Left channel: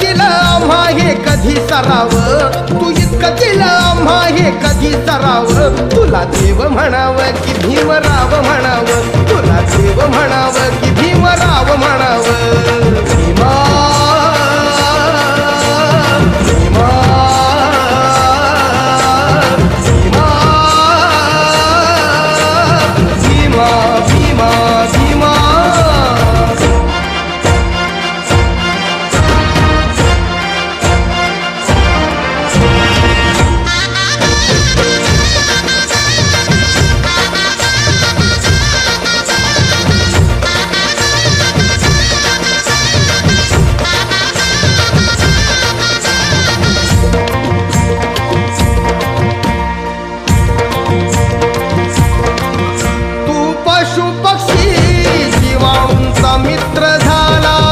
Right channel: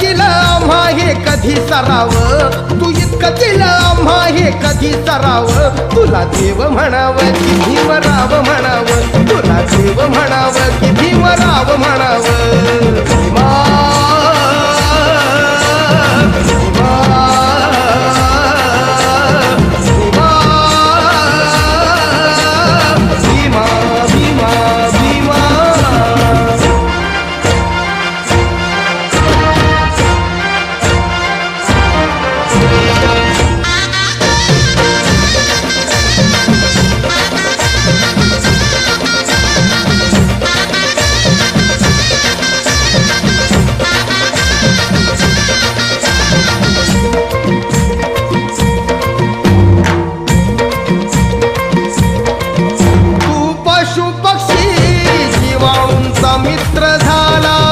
दिलं आम्हा हे कधी सराव, तू इतकं दिलं आम्हा हे कधी सराव. तुला देव म्हणावं की भीमराव म्हणावं, तुला देव म्हणावं की भीमराव म्हणावं.